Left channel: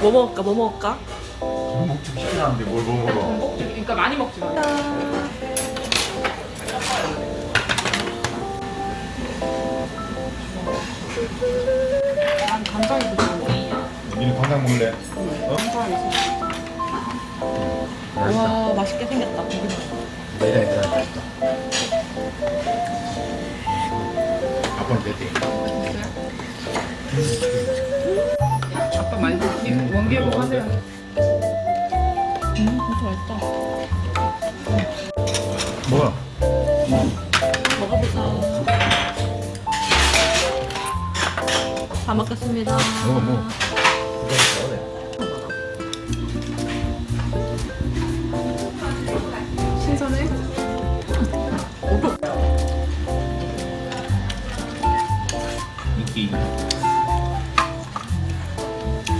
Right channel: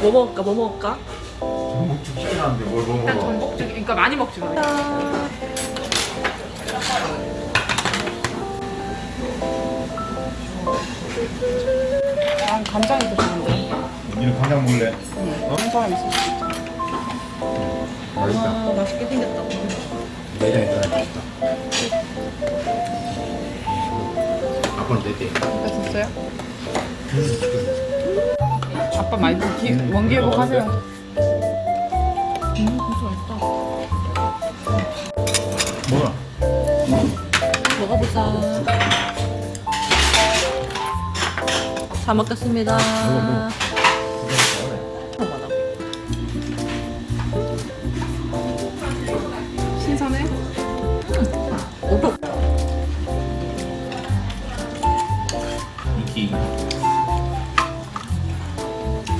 뭐 먹을까? 뭐 먹을까? 먹지 치킨 하는데 뭘 먹어? 그러니까 많이 먹지 그래. 난 간장이 더 좋은데. 여기는 간장 먹을래? 어? 간장이 있어. 와 맛있게 생겼다. 내장에 들어가 있다. 아빠는 내 때. 맛있어요? 아빠 많이 먹지? 원기회복 하세요. 진짜 맛있다. 뭐야? 먹어보자. 잘 먹겠습니다. 신선해? 이끼.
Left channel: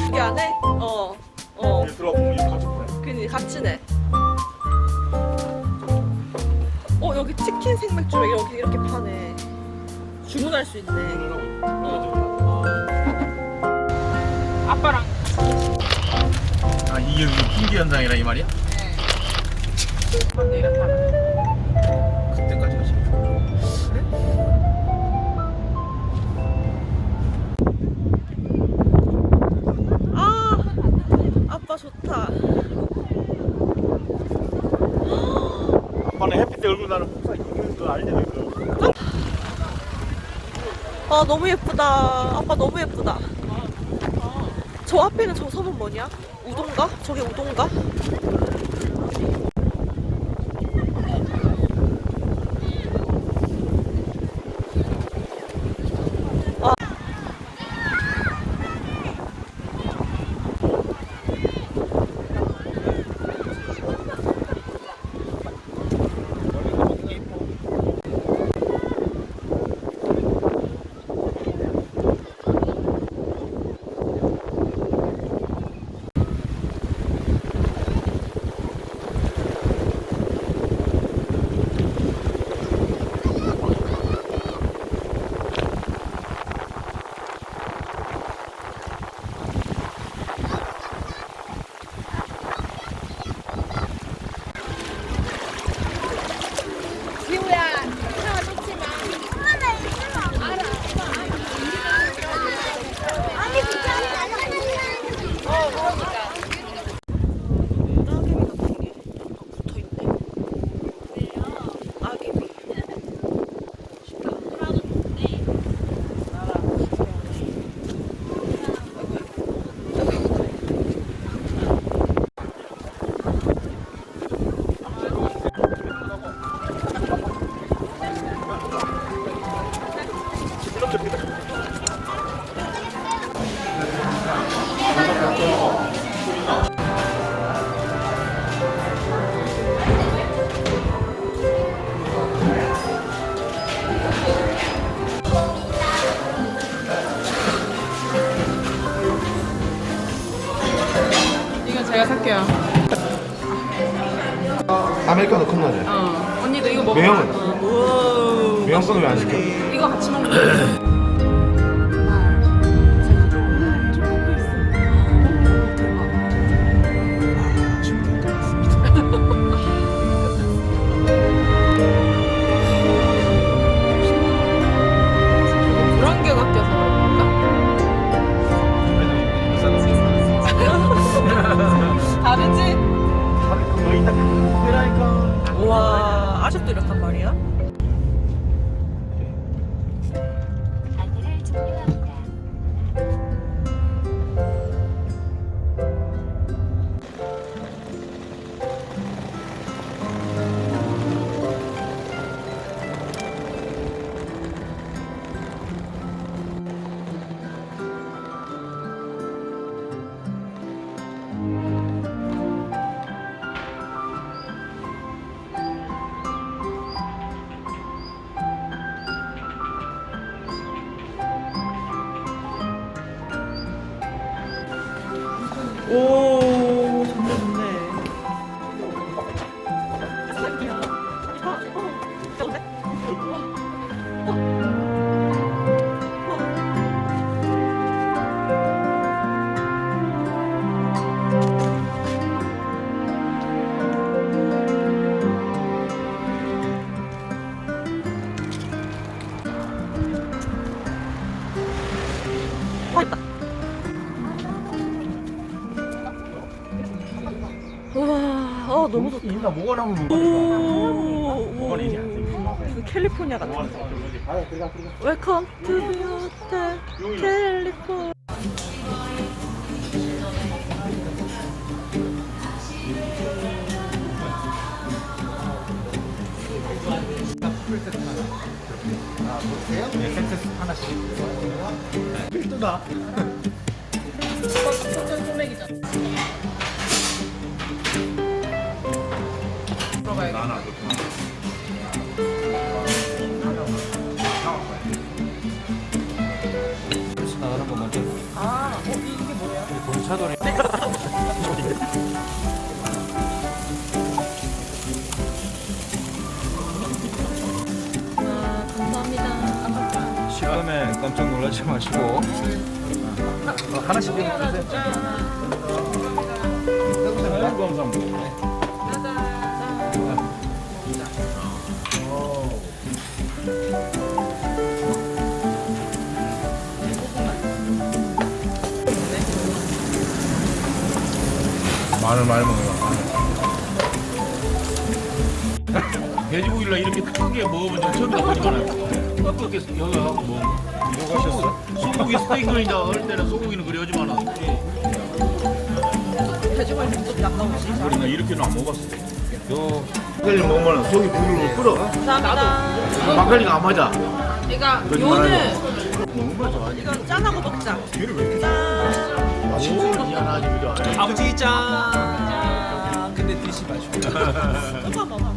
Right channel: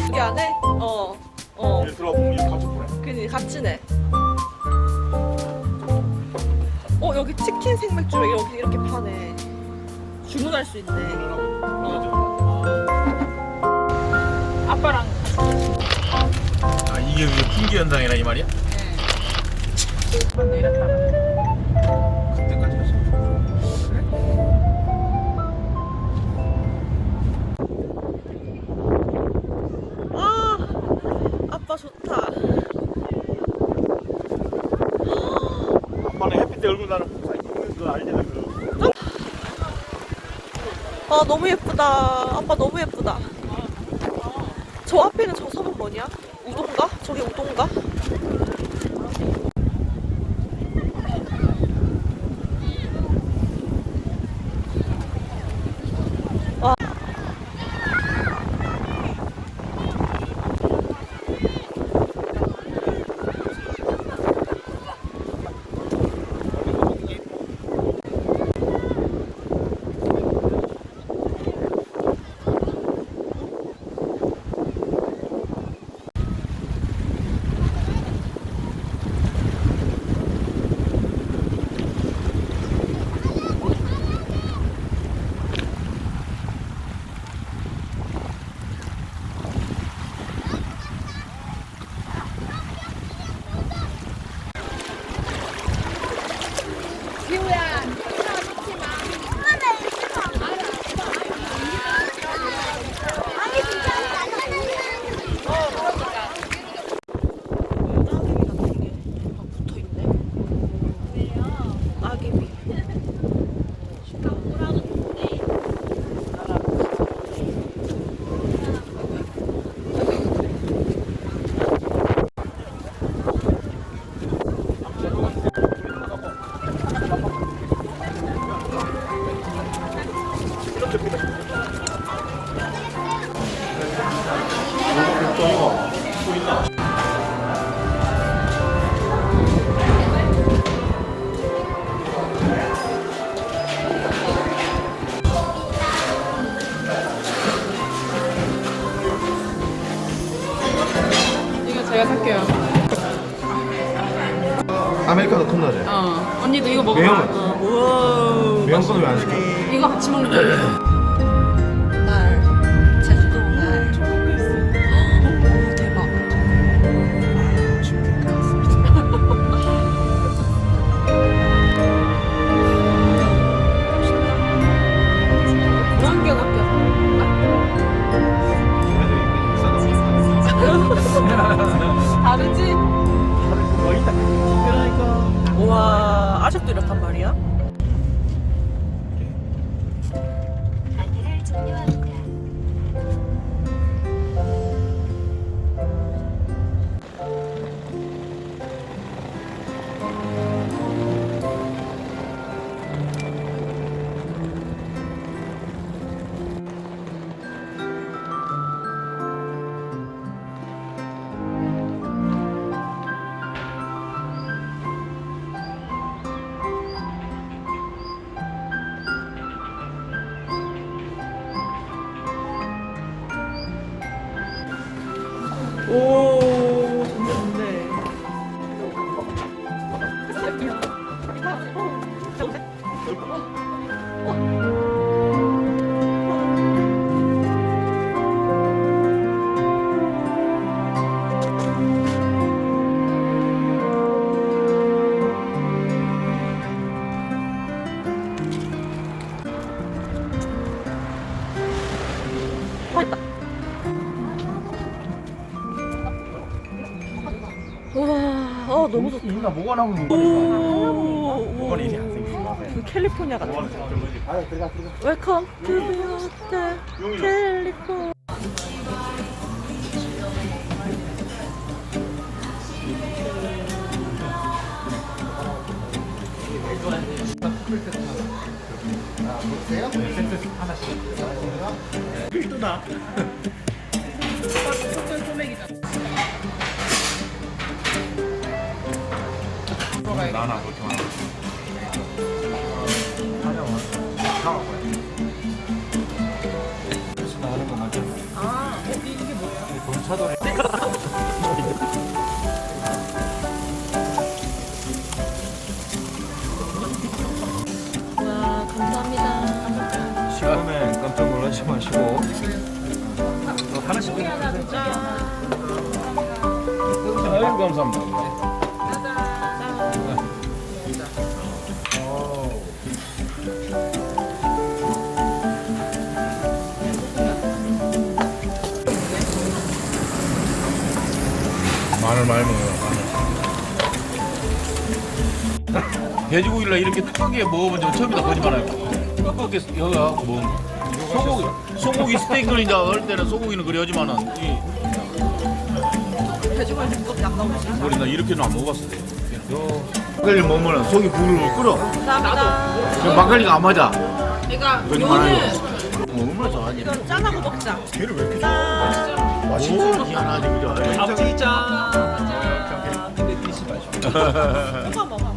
여기 안에? 어. 들어보면 이거 같이 보내. 그니 같이 내. 여기 치킨 생맥주를 여기 이렇게 파네. 주문할 수 있네. 아빠랑 아 이게 핑계 현상이라 이 말이야? 네. 이렇게 하면 그때까지 하자. 아빠 좋다. 아빠는 햇빛 때 얼굴 나는 그걸 알잖아 그거. 아 너무 예쁘다. 아빠 너무 예쁘다. 저 앞에는 저 섬은 뭐냐? 우동가? 저게 우동가? 내가 살게요. 아메리카노 큰 거지. 언니도 이거 먹어. 매형은? 우와. 매형 거는 왜안 시켜? 이거 같이 먹는 거야. 날 제주도 날 대박. 그런 게 같아서 그런가? 다르지? 우와, 아직도 이렇단 말이야? 안내를 종료합니다. 오, 좋네, 좋네. 맛있다. 우와, 너무 좋다. 누나 뭐가 나오는 오, 그 캘리포니아 같아. 웰컴 투 비 호텔 캘리포니아. 누나. 들어가야겠다. 아, 이게 뭐야? 와, 감사합니다. 시간에 깜짝 놀라지 마시고. 하나씩 드세요. 아이고 감사합니다. 마늘 많이 먹어요. 마늘. 돼지고기를 이렇게 두껍게 먹어본 적 처음이다 보니까 두껍게 여기가 뭐 소고기 스테이크는 이제 어릴 때는 소고기는 그래 하지만은 돼지고기 두껍게 안 나오지. 우리는 이렇게는 안 먹었어. 막걸리 먹으면 속이 부글부글 끓어. 감사합니다. 막걸리가 안 맞아. 그러니까 요는 이건 짠하고 먹자. 걔를 왜 이렇게 짠. 맛있는 희한하지 그죠? 갑자기 짠. 근데 드시 마시고. 조금만 먹어.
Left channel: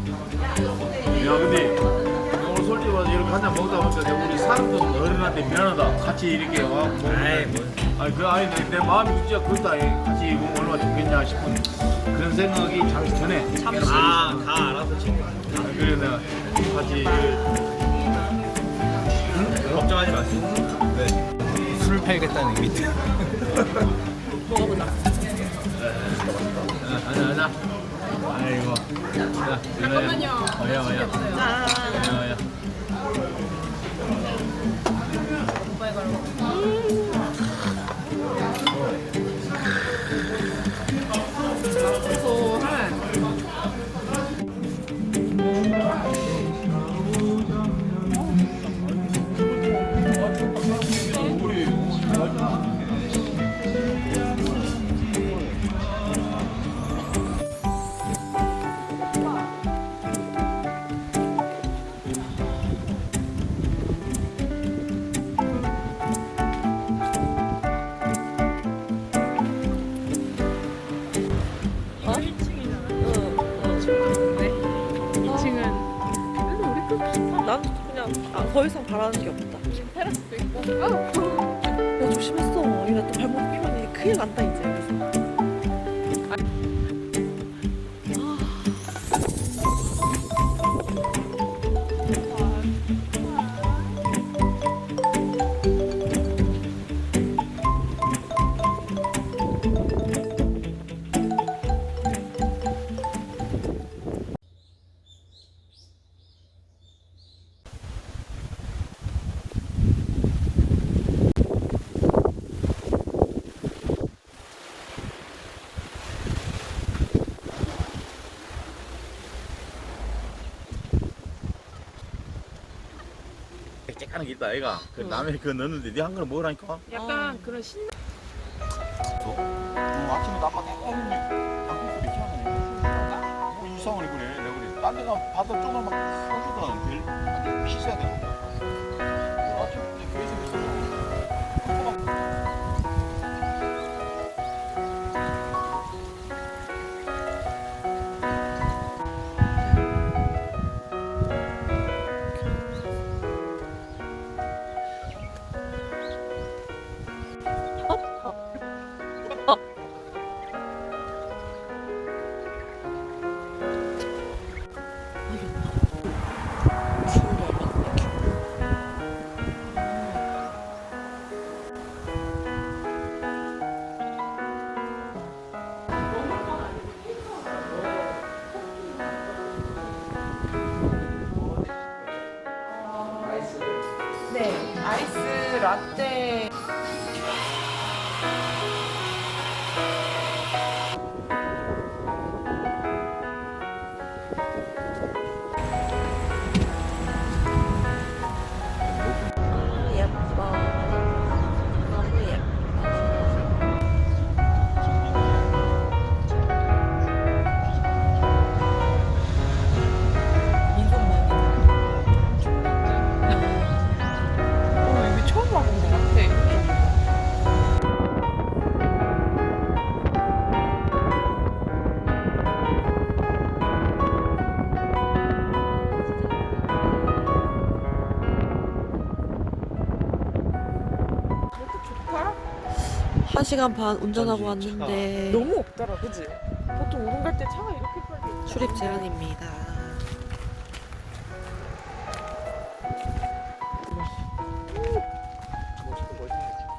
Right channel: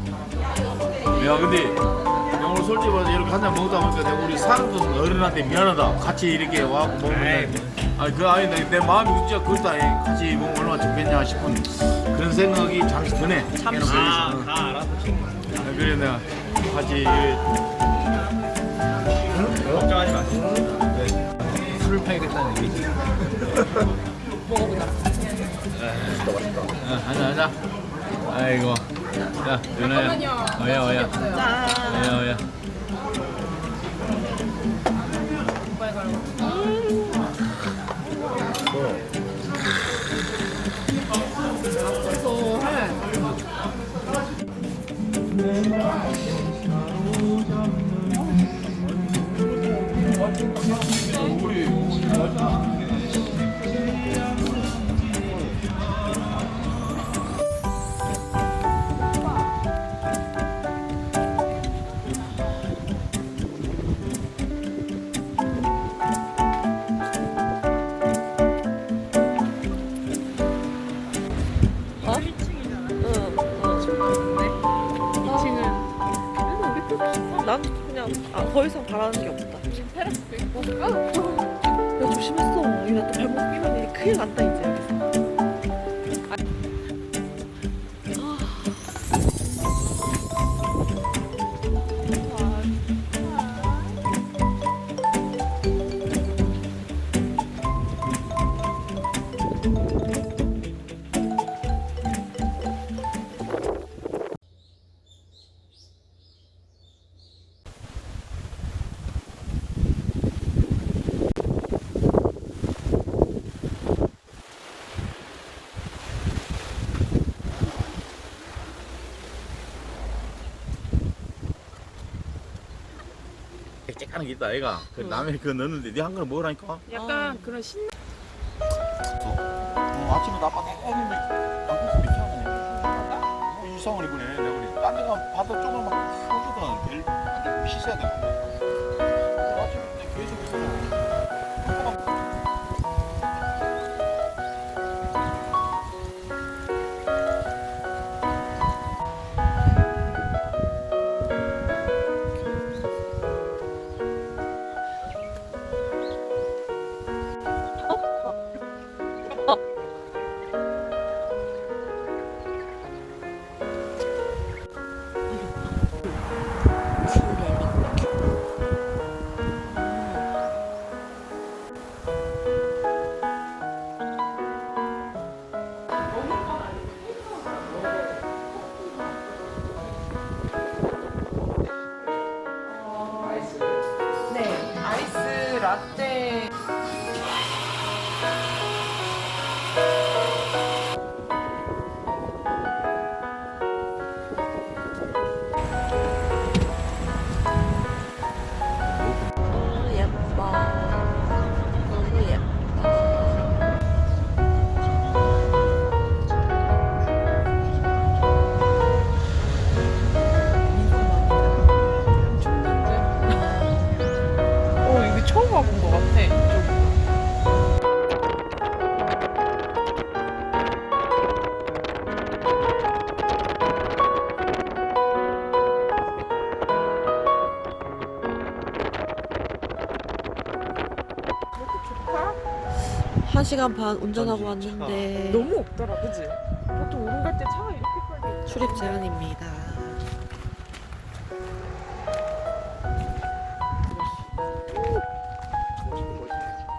야 근데 오늘 솔직히 말해서 이렇게 한 잔 먹다 보니까 내가 우리 사람도 어른한테 미안하다. 같이 이렇게 와 먹는 그 아니 내 마음이 진짜 그렇다. 같이 먹으면 얼마나 좋겠냐 싶은 그런 생각이 잠시 드네. 잠시. 다 알아보시고. 그래 내가 같이 걱정하지 마세요. 네. 술을 팔겠다는 얘기죠. 먹어보자. 하자. 아이고. 자, 잠깐만요. 어야. 짠. 어야. 어? 난 그냥 더 이상 바라는 게 없다. 야 조심했어. 이거 또 발목 끼면 이제 큰일 난다 이제 여기서. 하는 게 있다 애가 그 라면 그거 넣는데 네 한 그릇 먹으라니까 약간 그런 신 아침에 나빠 애는데 방금 이렇게 하는 이상하네 그래 내가 그래 딴 데가 봐도 조금만 풀어주더라 제일 씻어야 돼 아침에 계속 있어 아이스 라떼. 예뻐. 너무 예뻐. 여기 처음 와본 것 같아. 이쪽으로. 한 시간 반 운전하고 왔는데 너무 없더라, 그지? 보통 오름 갈 때 차가 이렇게 빨리. 출입 제한입니다.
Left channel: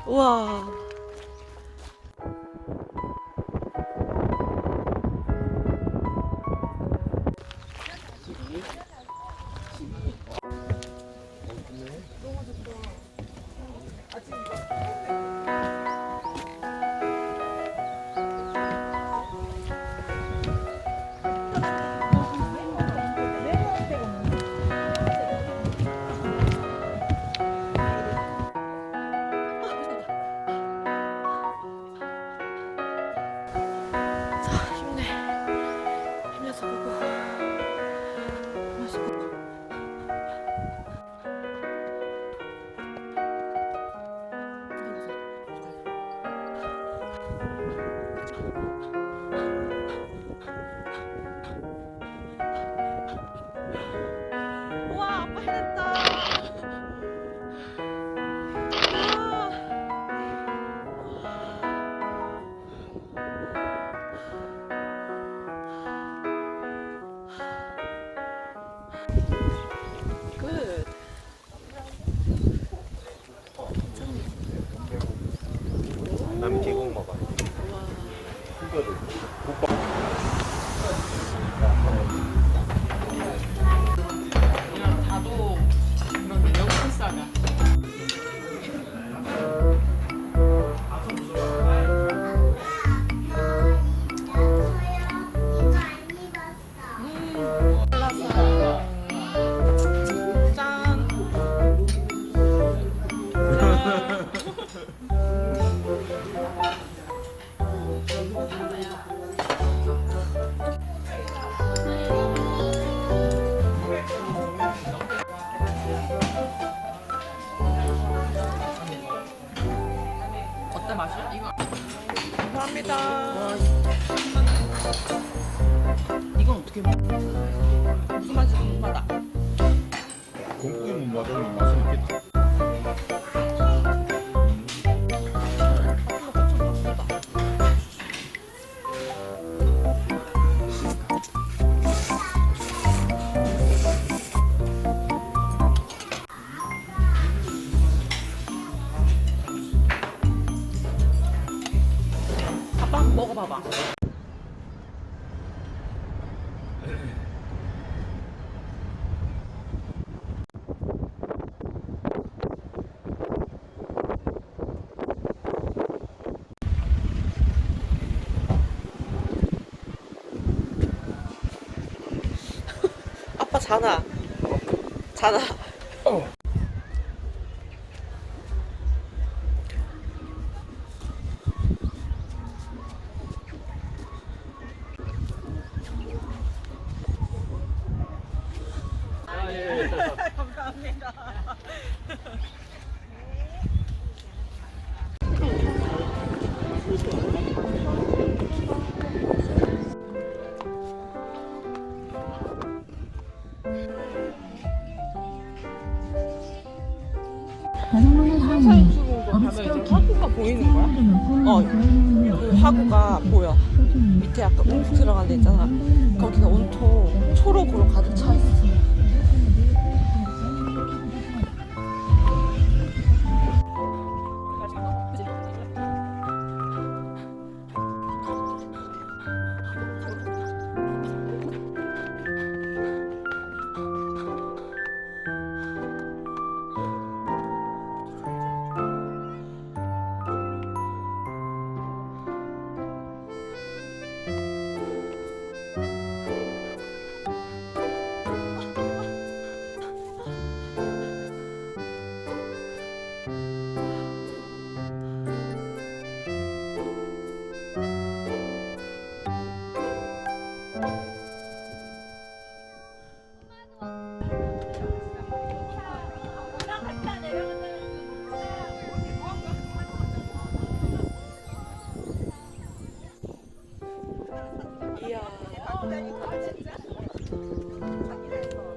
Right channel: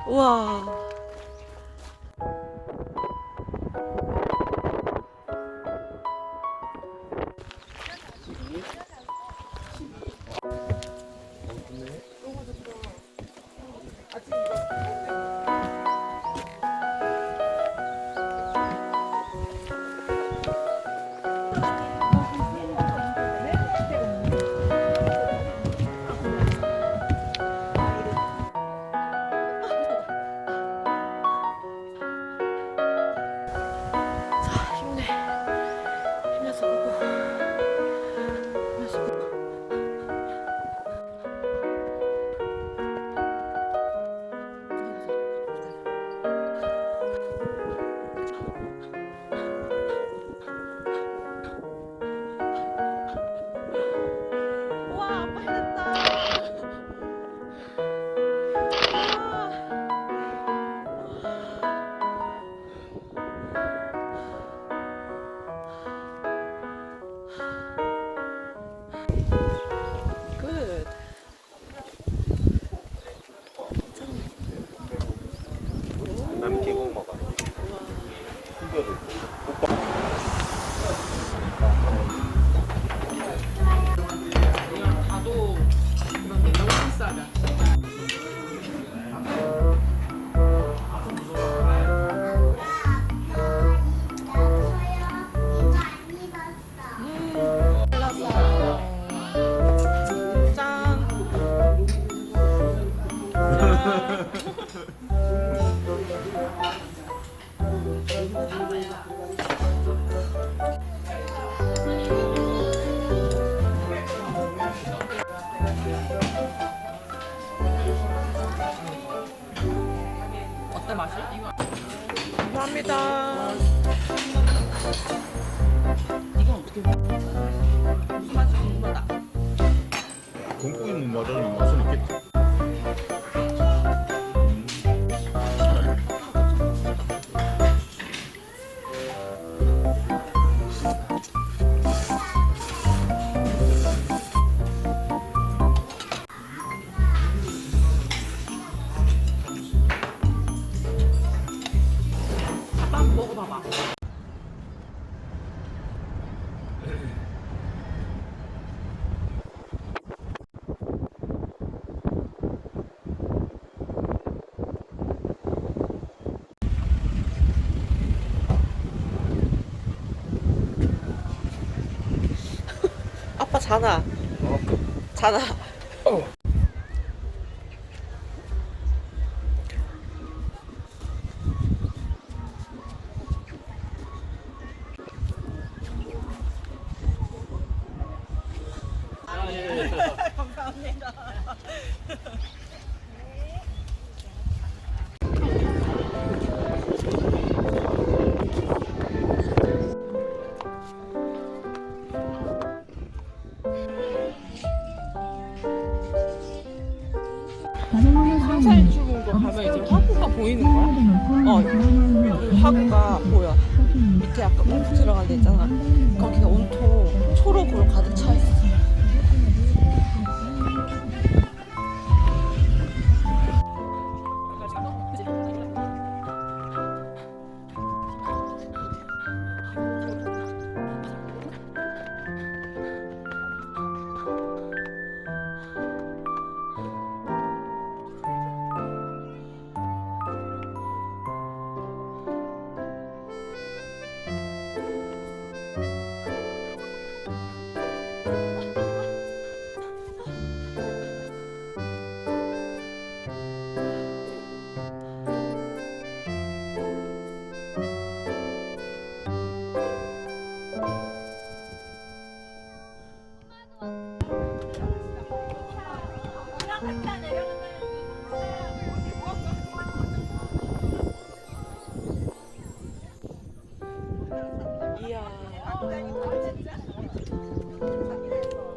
우와. 힘내서 보고. 힘내서 보고. 우와, 아빠 해냈다. 굿. 남이 계곡 먹어야 우와. 그냥 가도 그런데 너무 비싸다. 짠. 어때 맛이? 이거 감사합니다. 이건 어떻게 먹어? 무슨 맛이 궁금하다. 곰국이 맛은 맛은 있겠지 아빠 한번 먹어봐봐. 아빠 자나. 자나. 보이는 거야? 그 화구가 보여. 밑에 약간 움푹 들어간 데 있잖아. 거기가 온통 초록으로 가득 차 있어. 이야.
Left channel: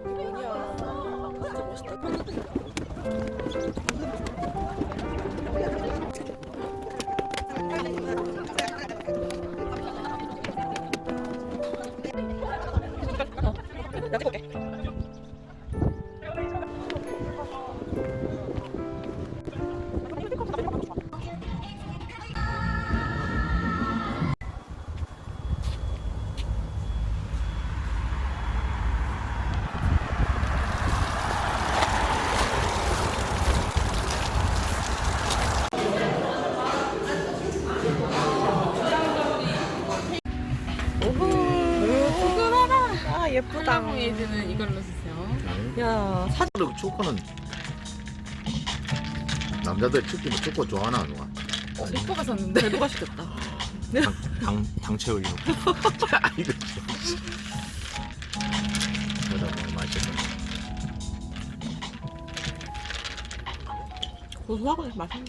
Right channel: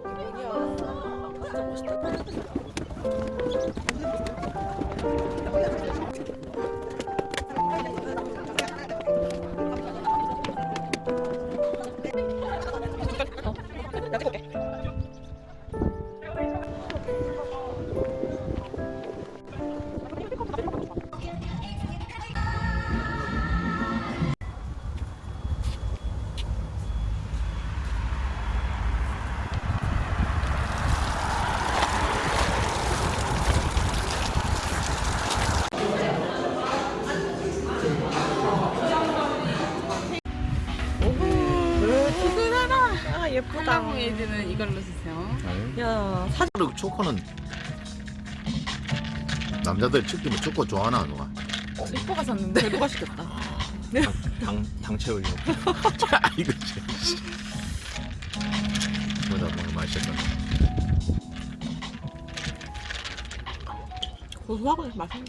뭐냐. 진짜 멋있다. 나 찍어볼게. 아 예쁘다. 에이드는 이걸로 쓰세요. 야 사진. 근데 초코는 남자들 치킨은 초코 좋아하나 누가? 오빠가 샀는데. 누가 시켰다. 당 채우기. 이거 참. 그러다 너무 맛있겠다. 고소하고 맛있네.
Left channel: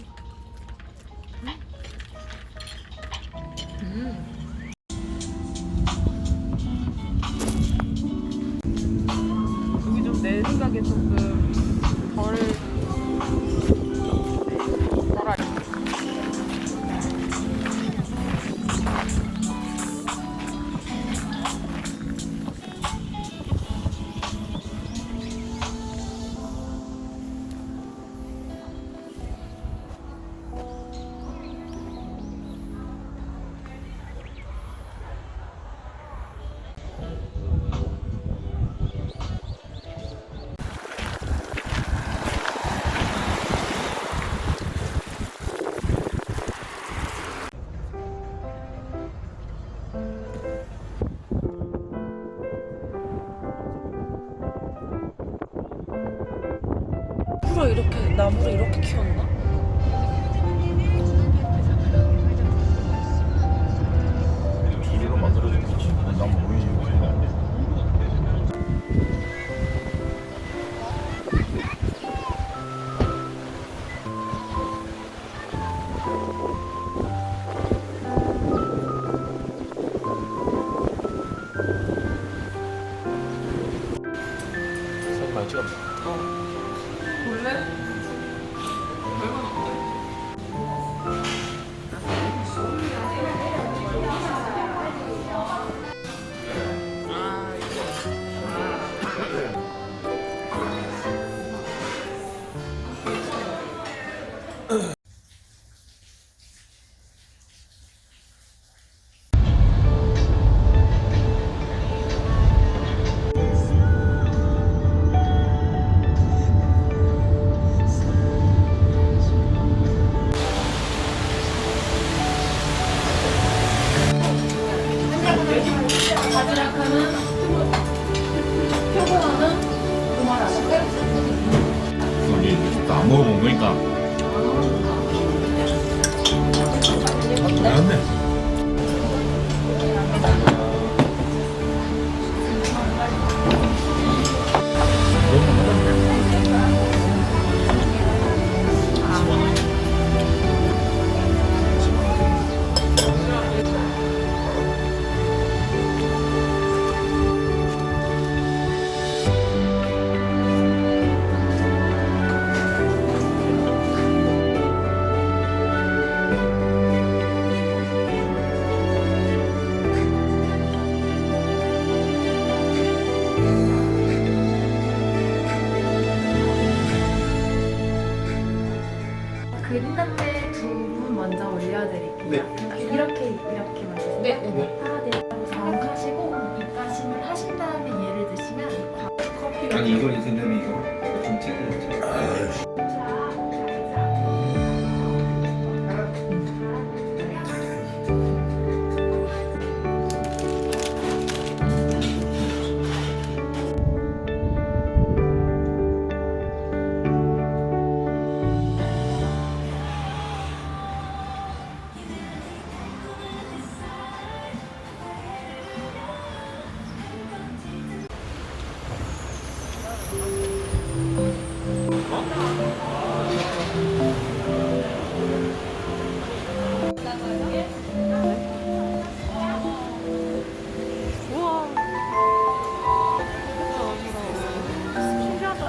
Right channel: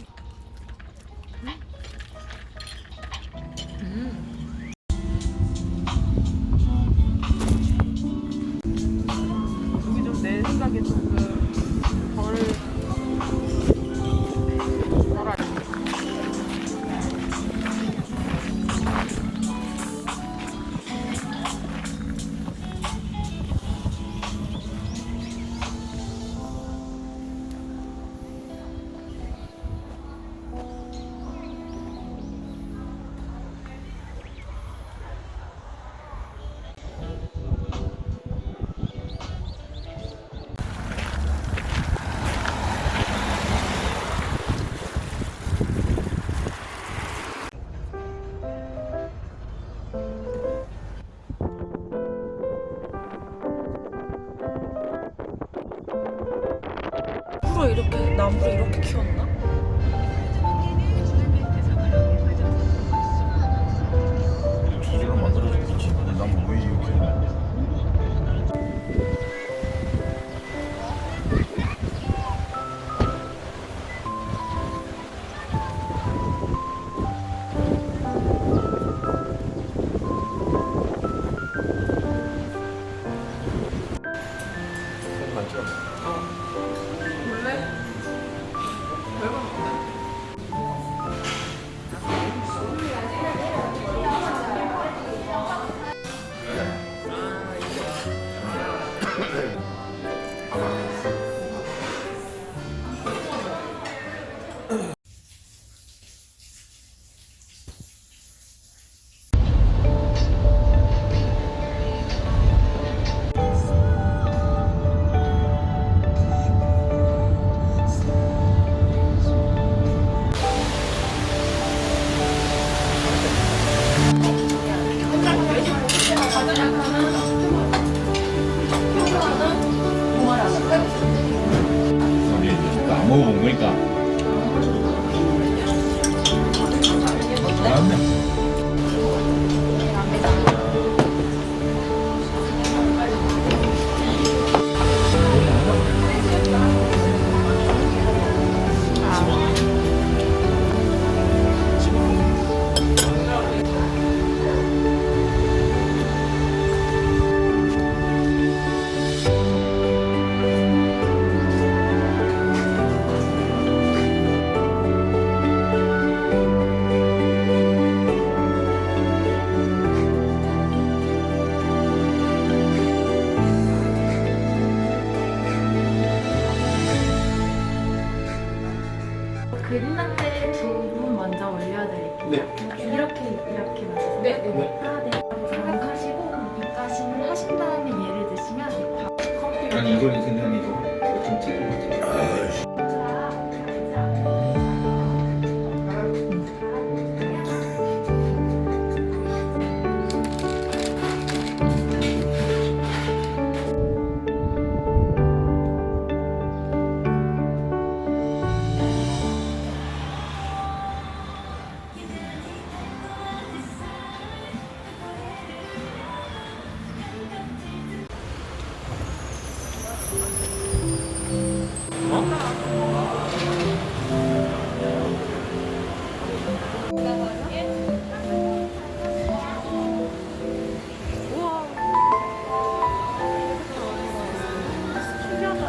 여기 좀 내 생각에 조금 덜. 나무를 이렇게 키웠나? 주제로 만들어졌겠지. 나무 위에 이렇게 안 돼. 안 먹어본 거니까. 맞네. 이렇게 만드세요. 네. 하나 네. 하시고 입가심을 하신 다음에 얘를 드시면 커피. 아니 이걸 그냥 이거 좀 찍은 거지. 우와. 신기하다.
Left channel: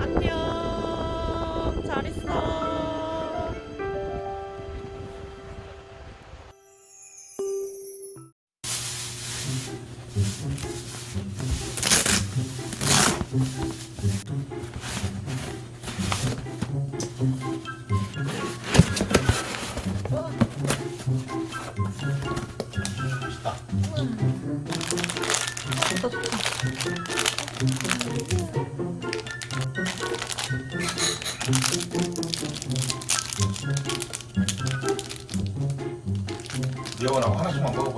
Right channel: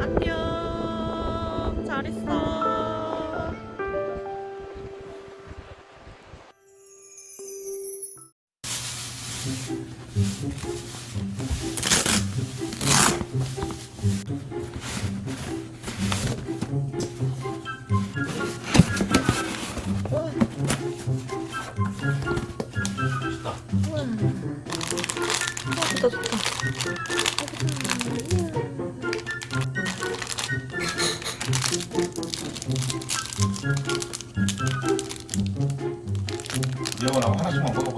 안녕. 잘 있어. 여원아 하나씩만 먹어봐.